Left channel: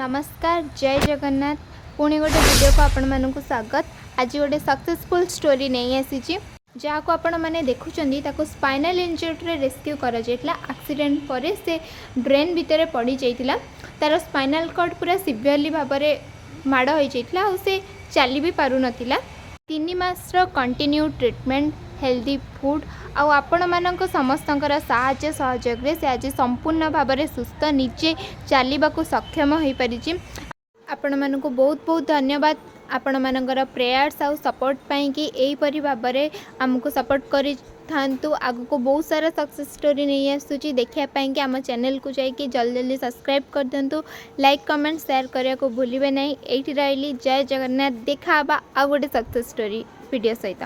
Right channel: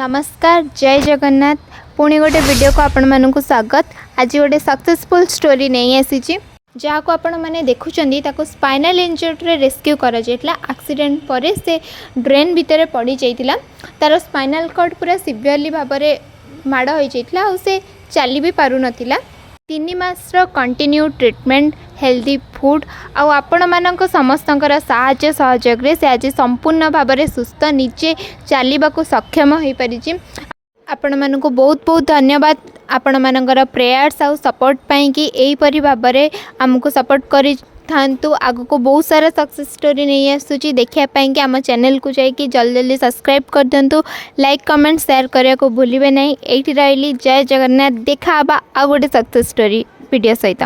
नमस्कार जय जगन्नाथ पुणी गोटे वीडियो को आपण मानक स्वागत। आज गोटे सक्सेसफुल स्टोरी नहीं आसी जहाँ को आपण मैंने देखुं ताको स्पाइनल इंजरी रेस्क्यू करा जाइतला। एक्सीडेंट पर से ड्रेन भितर पड़ी जाइतिला। तार स्पाइनल कॉर्ड पूरा सिवियरली भाव में माड़ हो जाइतला और से चली भी पारु नथिला। 3 मासर कंटिन्यू ट्रीटमेंट हेल्दी फूड आपण मानक समस्तंकर साहाय्य सहयोग से आज संपूर्ण भाव में सुस्थ निजे चलने सक्षम हो पारि। आपण मानक बहुत बहुत धन्यवाद आपण मानकर प्रेयर्स आउ सपोर्ट पाई कि एहीपरि भाव में आमको सपोर्ट करि थांतु। आगु को बहुत सारा सक्सेस स्टोरी नहीं आसूची देखिया पाई कि आम चैनल को जाइए जल्दी जल्दी सब्सक्राइब कर दिंतु। लाइक कमेंट शेयर करने को भूलिए नहीं। एठी रही जय जगन्नाथ। देखा आ गोटे सक्सेस स्टोरी वीडियो सहित।